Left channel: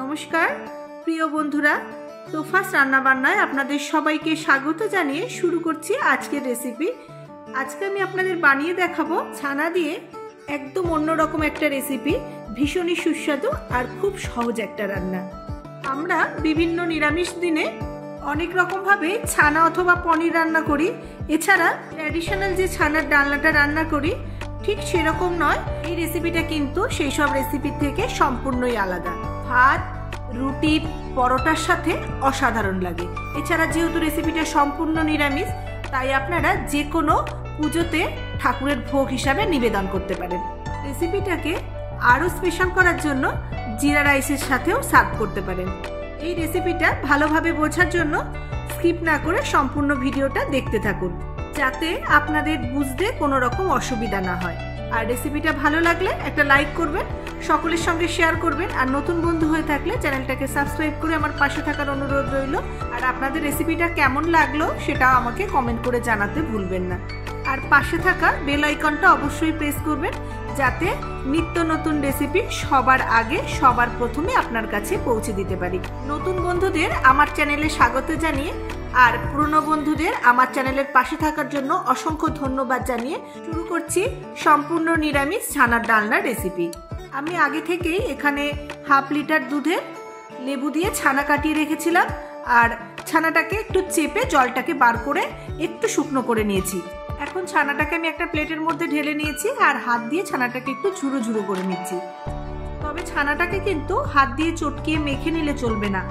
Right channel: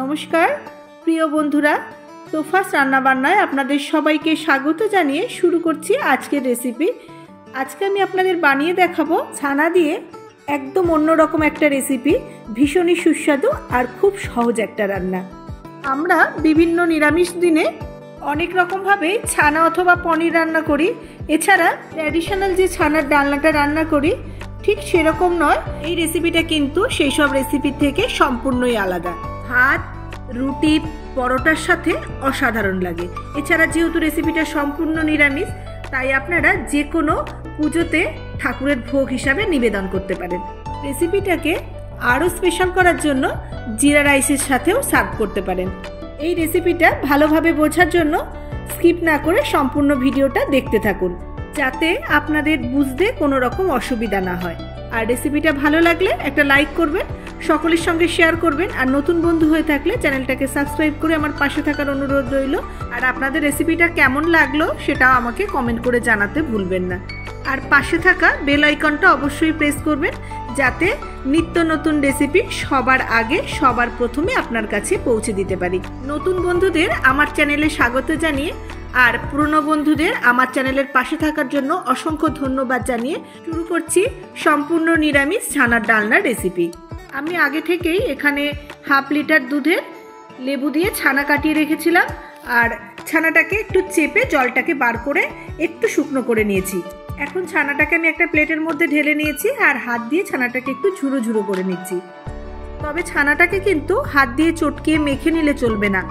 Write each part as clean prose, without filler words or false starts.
নমস্কার প্রিয় বন্ধুরা, তোফাস রান্নাবান্নায় আপনাদের সবাইকে স্বাগত জানিয়ে শুরু করছি আজকের রেসিপি। আজকে আমি আপনাদের বানিয়ে দেখাবো ছানা দিয়ে একদম অন্যরকম একটা রেসিপি, ভীষণই সুস্বাদু আর খুব সহজ একটা রান্না। আমরা বিভিন্ন নিরামিষ দিনে অনেক রকমভাবে ছানা অথবা পনির রান্না করি। এছাড়া ট্র্যাডিশনাল যে ছানার ডালনাটা রান্না করি ঠিক সেরকম নয়। এই রেসিপিটা কিন্তু সেই সব রেসিপির থেকে সম্পূর্ণই আলাদা। ভাত, রুটি, পরোটার সাথে অসাধারণ লাগে। এছাড়া যেহেতু রেসিপিটা সম্পূর্ণ নিরামিষ, তাই আপনারা যে কোনো পুজোতে ঠাকুরের ভোগ হিসাবে নিবেদন করতে পারেন। রেসিপিটাকে আরও স্পেশাল করার জন্য জিরা রাইসের সাথেও সার্ভ করতে পারেন। এই রেসিপিটা ভালোভাবে বোঝার জন্য স্কিপ না করে সম্পূর্ণ ভিডিওটা দেখতে থাকুন, যাতে আপনাদের বুঝতে কোনো রকম অসুবিধা না হয়। আর রেসিপিটা ভালো লাগলে একটা লাইক করবেন, সকলের সঙ্গে শেয়ার করবেন, আর নতুন বন্ধু হয়ে থাকলে চ্যানেলটাকে সাবস্ক্রাইব করে আমার পাশে থাকার অনুরোধ রইল। আর আপনাদের রেসিপিটা কেমন লাগলো সেটাও আমাকে কমেন্ট করে জানাতে ভুলবেন না। আর পাশে থাকা বেল আইকনটা অবশ্যই প্রেস করবেন, যাতে নিত্য নতুন রেসিপি সবার আগে সবার প্রথমে আপনার কাছে পৌঁছে দিতে পারি। নতুন বন্ধুদের আমার চ্যানেলে স্বাগত জানিয়ে আর পুরনো বন্ধুদের আমার চ্যানেলের পাশে থাকার জন্য অসংখ্য ধন্যবাদ জানিয়ে শুরু করছি সম্পূর্ণ নিরামিষ ছানার ডালনা রেসিপি। আমি আগে থেকেই এখানে হাফ লিটার দুধে লেবু দিয়ে ছানা কাটিয়ে রেখেছিলাম, আর ছানাটাকে একটু চেপে জলটাকে বার করে একটু শুকনো করে নিয়েছি। এখন ছানাটাকে আমি একটা প্লেটের মধ্যে ঢেলে নিয়েছি আর হাত দিয়ে ছানাটাকে একটু ঝুরো ঝুরো করে নিচ্ছি। তবে ছানাটাকে কিন্তু হাত দিয়ে চটকিয়ে মেখে নিলে চলবে না।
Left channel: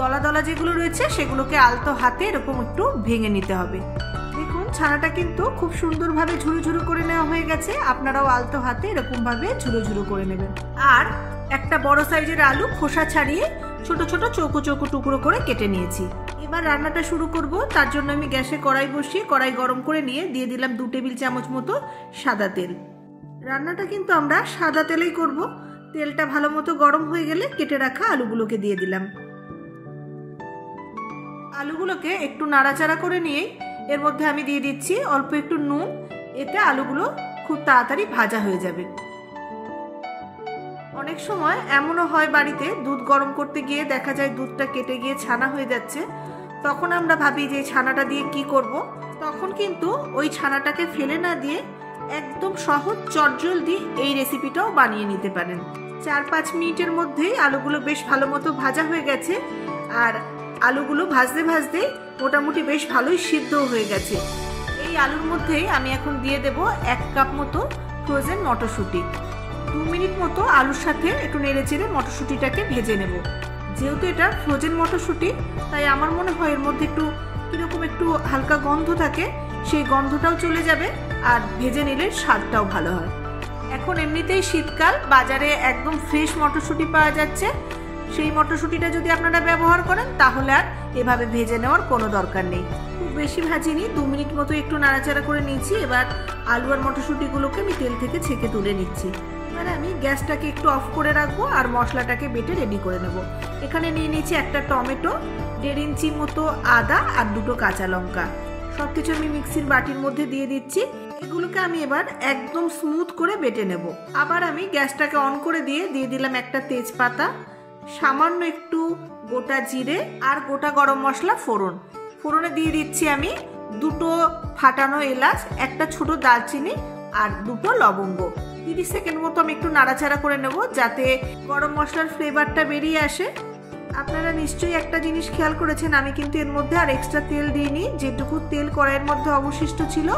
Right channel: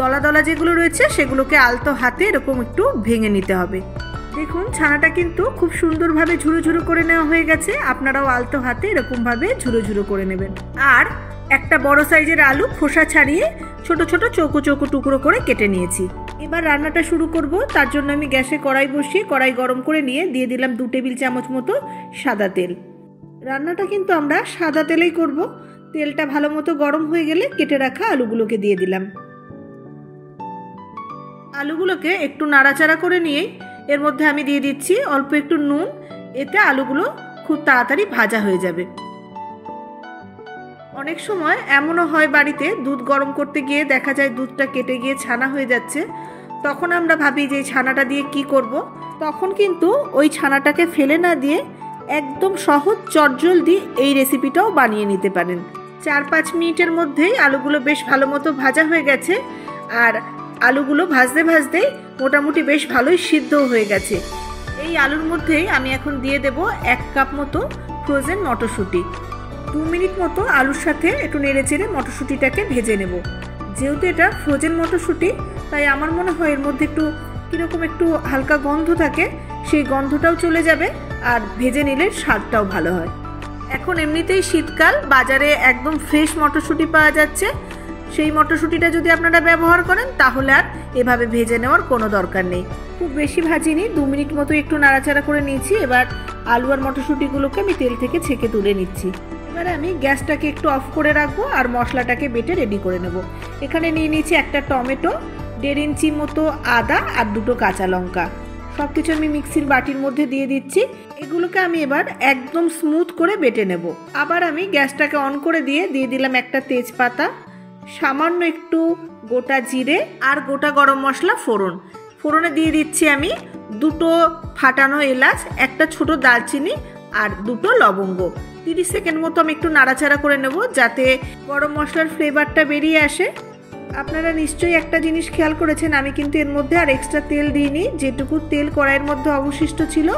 দলা দলা যেগুলো রয়েছে সেগুলোকে আলতো হাতে এরকম একটু ভেঙে নিতে হবে। দেখুন ছানাটা কিন্তু খুব সুন্দরভাবে ঝুরো ঝুরো করে নেওয়া হয়ে গেছে। আপনারাও আলতো হাতে এরকমভাবে ঝুরো ঝুরো করে নেবেন। আর একটা বড় সাইজের আলু খোসা ছাড়িয়ে ছোট ছোট চৌকো চৌকো টুকরো করে কেটে নিয়েছি। এবার রান্নাটা শুরু করব। তার জন্য আমি গ্যাসে কড়াই বসিয়ে কড়াই গরম করে নিয়ে দিয়ে দিলাম 2 টেবিল চামচ মতো সাদা তেল। রান্নাটা কিন্তু আমরা সাদা তেলেই করব। তেলটা ভালো মতো গরম হয়ে গেলে কেটে রাখা আলুগুলোকে দিয়ে দিলাম। আলুগুলোকে একটু নাড়াচাড়া করে নিয়ে এর মধ্যে আমি দিয়ে দিচ্ছি অল্প একটু নুন। এতে আলুগুলো খুব তাড়াতাড়ি ভাজা হয়ে যাবে। অনেক সময় এমনও হয় বাড়িতে দুধ গরম করতে গিয়ে দেখা যায় দুধটা কেটে গিয়ে ছানা হয়ে যাচ্ছে। তখন আমরা ভাবি যে ছানাটা দিয়ে কি করব। তখন কিন্তু ওই ছানাটাকে ফেলে না দিয়ে একদম সহজ চটজলদি এই রেসিপিটাও বানিয়ে নিতে পারেন। 4-5 মিনিটের মধ্যেই আলুগুলো বেশ ভালো মতো ভাজা হয়ে গেছে। আর আলুগুলো ভাজতে ভাজতেই মোটামুটি বেশ ভালোই সিদ্ধ হয়ে গেছে। এই আলুর মধ্যেই আমি এখন দিয়ে দেব 1 কাপ মতো ফ্রোজেন মটরশুঁটি। 2 মিনিট মতো আলুর সাথে একটু নেড়ে চেড়ে মটরশুঁটিটাকে ভেজে নেব। যেহেতু এটা ফ্রোজেন মটরশুঁটি, তাই আমার মনে হয় এর মধ্যে একটু কীরকম একটু হালকা গন্ধ থাকে, সেই গন্ধটাও চলে যাবে আর ভেজে নিলে স্বাদটাও ভালো হয়। এখন এমনিতেই শীতকাল, বাজারে একদম ফ্রেশ মটরশুঁটি পাওয়া যাচ্ছে। সেই মটরশুঁটিটা যদি আপনারা ব্যবহার করেন তাহলে আর এভাবে ভেজে নেওয়ার কোনো দরকার নেই। খুব বেশি ভাজিনি, 2 মিনিট মতো একটু নাড়াচাড়া করে নিয়েছি। এবার আলু আর মটরশুঁটিগুলোকে আমি তেল থেকে ছেঁকে তুলে নিচ্ছি। এবার আমি গ্যাসটাকে একটু অফ করে রাখবো আর মশলাটাকে বেটে রেডি করে নেব। এখানে নিয়ে নিয়েছি একটা টমেটো, 1.5 ইঞ্চি মতো আদা আর 2টো কাঁচা লঙ্কা। সব কিছু আমি মিক্সির বাটির মধ্যে দিয়ে দিচ্ছি। এগুলোকে আমি এবার একদম স্মুথ করে বেটে নেব। আবার আমি গ্যাসটাকে অন করে দিয়ে দিলাম একটা তেজপাতা, সামান্য একটু গোটা জিরে আর গোটা গরম মশলা ফোড়ন। ফোড়নে দিয়ে দিচ্ছি আমি 2টো ফাটানো এলাচ, একটা ছোট দারচিনি আর 2টো লবঙ্গ। 30 সেকেন্ড মতো আমি একটু নাড়াচাড়া করে নেব, যাতে গরম মশলার ফ্লেভারটা বেরিয়ে আসে। আপনারা নিশ্চয়ই একটা জিনিস খেয়াল করেছেন, আমি কিন্তু এর মধ্যে আর এক্সট্রা তেল দিইনি। যেটুকু তেল কড়াইয়ের মধ্যে অবশিষ্ট ছিল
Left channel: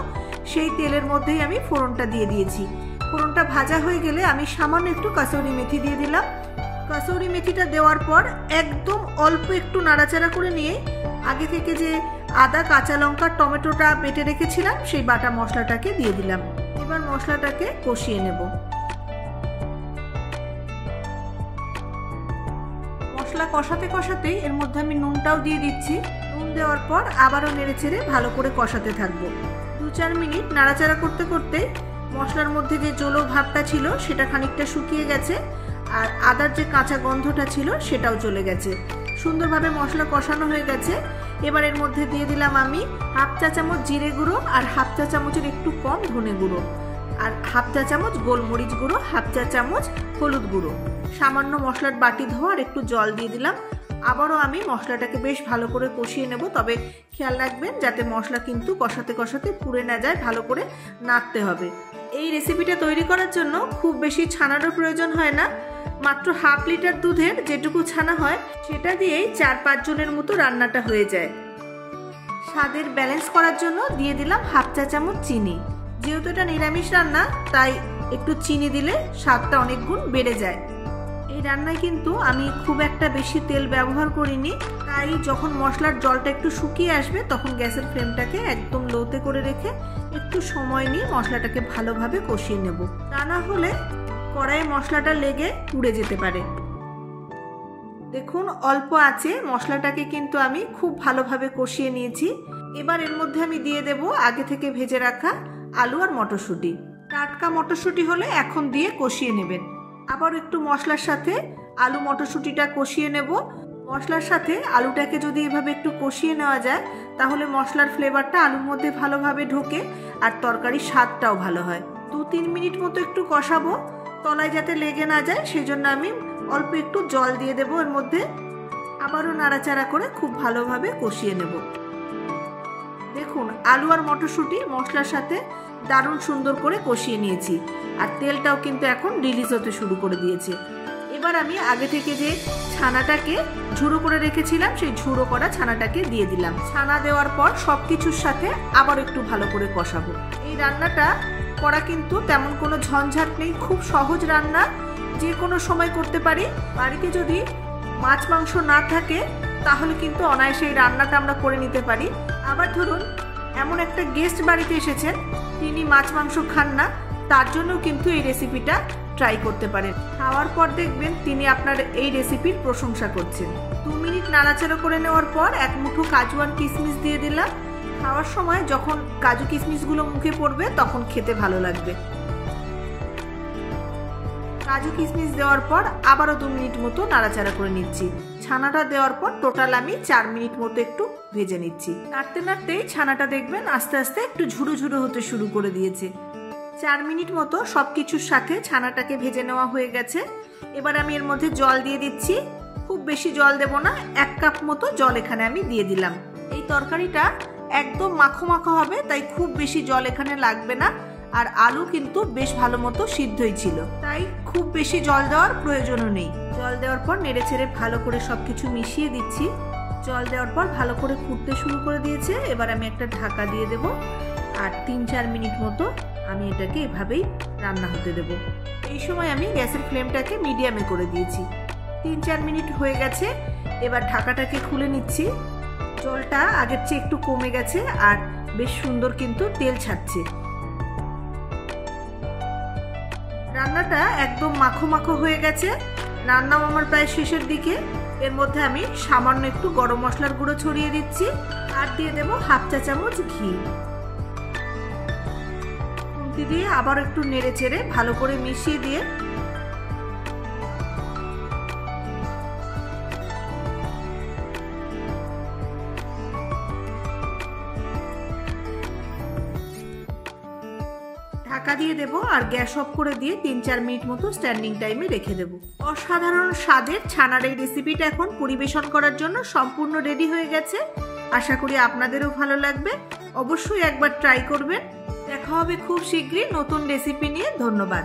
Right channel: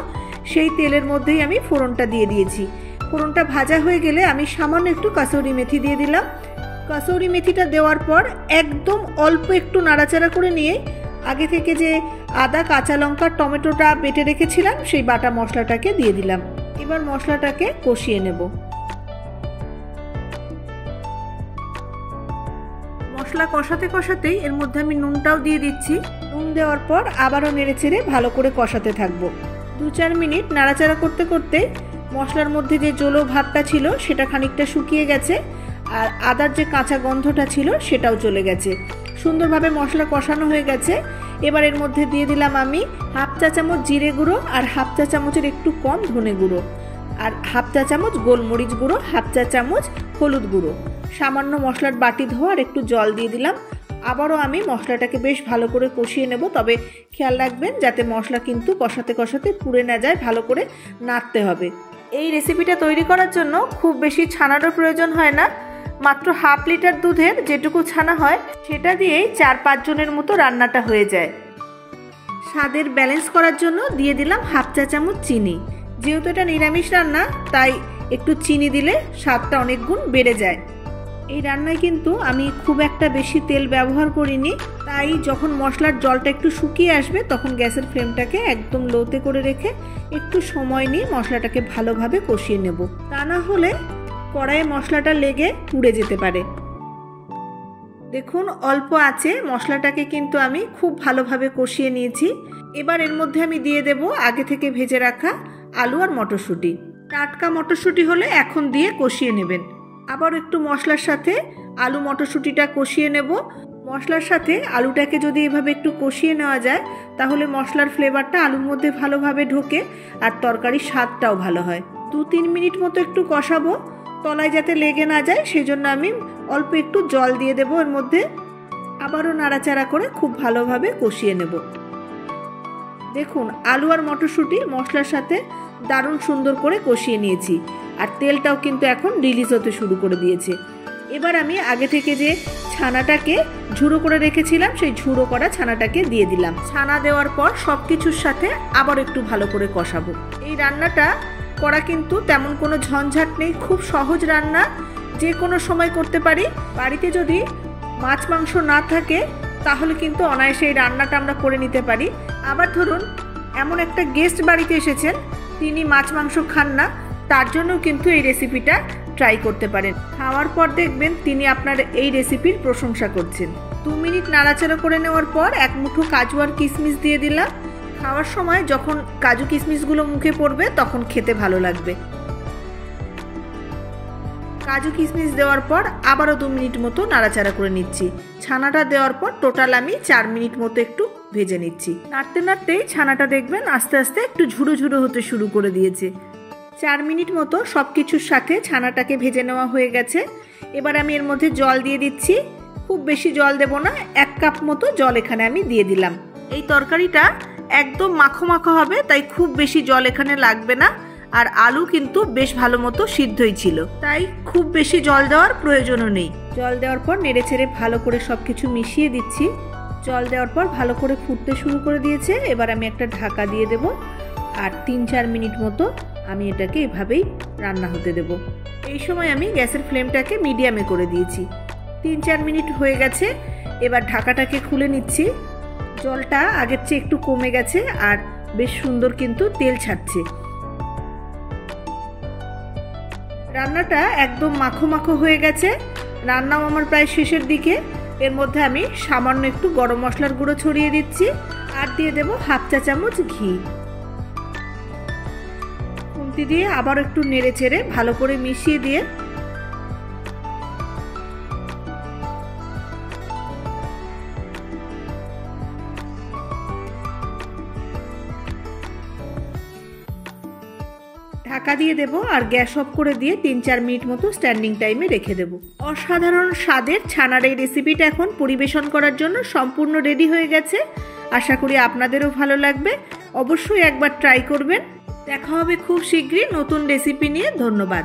সেই তেলের মধ্যেই আমি ফোড়নটা দিয়ে দিয়েছি। ফোড়নটা ভাজা হয়ে গেলে আমি সামান্য একটু কাসুরি মেথি দিয়ে দিলাম। কাসুরি মেথিটা দেওয়ার পর একদম অল্প একটু নাড়াচাড়া করে নিয়ে আগে থেকে যে আদা, কাঁচা লঙ্কা, টমেটোটা বেটে রেখেছিলাম সেই বাটা মশলাটাকে দিয়ে দিলাম। এবার মশলাটাকে কষিয়ে নেব। মশলা কষাতে কষাতেই এর মধ্যে আমি নুনটাও দিয়ে দিচ্ছি। নুন দেওয়ার পর আবারও নেড়েচেড়ে ভালো করে কষাতে থাকবো। 2-4 মিনিট নাড়াচাড়া করতে করতে মশলার মধ্যে যে জলো ভাবটা ছিল সেটা খানিকটা শুকিয়ে গেছে, আর আদার যে কাঁচা গন্ধটা ছিল সেটাও চলে গেছে। সুন্দরভাবে মশলা কষানো হয়ে গেছে। এবার এর মধ্যে দিয়ে দিলাম আমি 1/2 চা চামচ জিরে গুঁড়ো আর 1/2 চা চামচের একটু কম ধনে গুঁড়ো। আর হাফ চা চামচ গোলমরিচ গুঁড়ো, হাফ চা চামচ হলুদ গুঁড়ো, সামান্য মশলার বাটি ধোয়া আর একটু জল দিয়ে দিলাম। আবারও আমি মশলাটাকে বেশ ভালো করে কষিয়ে নেব, তবে খেয়াল রাখবেন যাতে মশলা কিন্তু কষাতে কষাতে পুড়ে না যায়, ভালো করে নাড়তে হবে। এই রেসিপিটা তৈরি করার জন্য খুব বেশি ছানারও প্রয়োজন হয় না, মাত্র হাফ লিটার দুধের যেটুকু ছানা হয় সেটা দিয়েই 4-5 জনের মতো রান্নাটা হয়ে যায়। স্বাদের ব্যালেন্স করার জন্য দিয়ে দিলাম হাফ চা চামচ চিনি। যেহেতু এটা নিরামিষ রান্না তাই একটু চিনি দিলে স্বাদটা অনেক গুণ বেড়ে যায়। এই রান্নায় কিন্তু আমি খুব একটা বেশি তেল ব্যবহার করিনি, তাই যখন মশলার জলটা একটু শুকিয়ে আসবে তখন গ্যাসের ফ্লেমটাকে একদম লোতে করে রেখে একটু সময় নিয়ে মশলাটাকে ভালোভাবে কষিয়ে নেব, তা না হলে কড়াইয়ে মশলাটা লেগে পুড়ে যেতে পারে। দেখুন অল্প আছে মশলাটাকে কিন্তু আমি খুব ভালোভাবে কষিয়ে নিয়েছি। এবার এর মধ্যে আমি দিয়ে দেব আগে থেকে ভেজে রাখা আলু আর মটরশুঁটি। টাটকা মটরশুঁটি হলে এখন দিয়ে কষিয়ে নেবেন। আবার একটু মশলার সাথে আলু মটরশুঁটিটা কষিয়ে নেব। মশলার সাথে আলুটাকে যদি এভাবে একটু কষিয়ে নেওয়া যায় তাহলে মশলার ফ্লেভারটা আলুর মধ্যে ভালোভাবে ঢোকে আর তরকারির স্বাদটাও ভালো হয়। 2-3 মিনিট মতো একটু কষাবো, তলায় যাতে লেগে না যায় সেই জন্য আমি অল্প একটু জল দিয়ে দেবো এর মধ্যে। আবারও নাড়াচাড়া করে খুব ভালোভাবে কষিয়ে নেব। দেখুন আলু আর মটরশুঁটি মশলার সাথে দারুণ সুন্দর করে কষিয়ে নিয়েছি আর তেলটাও কিন্তু এখন রিলিজ হতে শুরু করে দিয়েছে। এবার আমি আগে থেকে যে ছানাটাকে ঝুড়ো করে রেখেছিলাম সেই ঝুড়ো করা ছানাটাকে দিয়ে দিলাম। ছানা দেওয়ার পর সব কিছুর সাথে আবার একটু ভালো করে কষাবো। এই রান্নাটা করা কিন্তু তেমন কোনো ঝঞ্ঝাট নেই, খুব সহজ রান্না, যে কোনো সময় করতে পারি। বাড়িতে যদি মাছ মাংস না থাকে তাহলে কিন্তু অনায়াসে এই রান্নাটা আমরা করে নিতে পারি। আবার ধরুন এমন একটা গেস্ট বাড়িতে এসেছেন, তিনি মাছ মাংস খান না, তার জন্যও কিন্তু এই রেসিপিটা ট্রাই করতে পারেন। খাওয়ার পর দেখবেন তিনি আপনার এই রেসিপির প্রশংসা করছেন। 2 মিনিট নাড়াচাড়া করে নেওয়ার পর 1 মুঠো কাজু আর কিশমিশ দিয়ে দিলাম। খাওয়ার সময় যখন কাজু কিশমিশগুলো মুখে পড়বে তখন খেতে ভালো লাগবে। কাজু কিশমিশ দেওয়ার পর আবারও 2 মিনিট মতো নাড়াচাড়া করে নিচ্ছি। ছানাটা দেওয়ার পর টোটাল আমি 4 মিনিট মতো একটু ভেজে নিচ্ছি। নাড়তে নাড়তেই ছানাটা দেখবেন আস্তে আস্তে একটু ঝুড়ো ঝুড়ো হতে শুরু করে দিয়েছে। 4 মিনিট মতো সব কিছুর সাথে ছানাটাকে ভেজে নেওয়া হয়ে গেছে। এবার আমি এর মধ্যে জল দিয়ে দিচ্ছি। খুব বেশি জল দেব না, 1 কাপ মতো জল এখানে আমি দিয়ে দিলাম। এই তরকারিটা একদম মাখো মাখো হবে, তাই খুব বেশি জল এখানে লাগবে না। আর আলু কিন্তু বেশ ভালো মতো সিদ্ধই ছিল, তাই খুব বেশি জল দেওয়ার প্রয়োজনও নেই। জল দেওয়ার পর নেড়ে ছেড়ে ভালো করে সবকিছু মিশিয়ে দিচ্ছি। জল দেওয়ার পর ভালো করে ফুটতে শুরু করে দিয়েছে। এবার আমি একটা ঢাকা দিয়ে দেব আর 3-4 মিনিট মতো আমি এটাকে এভাবেই রান্না হতে দেব। এই সময় আমি গ্যাসের ফ্লেমটাকে মিডিয়ামে করে দিয়েছি। 3-4 মিনিট হয়ে গেছে। এবার ঢাকাটাকে খুলে নিচ্ছি। জলটা আগের চেয়ে একটু কমে গেছে আর বেশ সুন্দর কিন্তু তেল ছাড়ছে। রান্নাটা একদম মাখো মাখো হয়ে গেছে। রান্নাও আমার প্রায় শেষের দিকে। এর মধ্যে আমি সামান্য একটু গরম মশলার গুঁড়ো ছড়িয়ে দিচ্ছি আর দিয়ে দেব হাফ চা চামচ ঘি। খুন্তি দিয়ে আবার একটু নেড়ে চেড়ে ভালো করে মিশিয়ে দিয়ে ঢাকা দিয়ে দেব আর গ্যাস অফ করে দিয়ে 3-4 মিনিট মতো স্ট্যান্ডিং টাইমে রেখে দেব। অসাধারণ স্বাদের ছানার এই রেসিপিটা এখন পরিবেশন করার জন্য সম্পূর্ণ রেডি হয়ে গেছে। আশা করি আপনাদেরও ভালো লাগবে। অবশ্যই একবার ট্রাই করবেন। দেখা হবে খুব শীঘ্রই নতুন রেসিপি নিয়ে। ধন্যবাদ।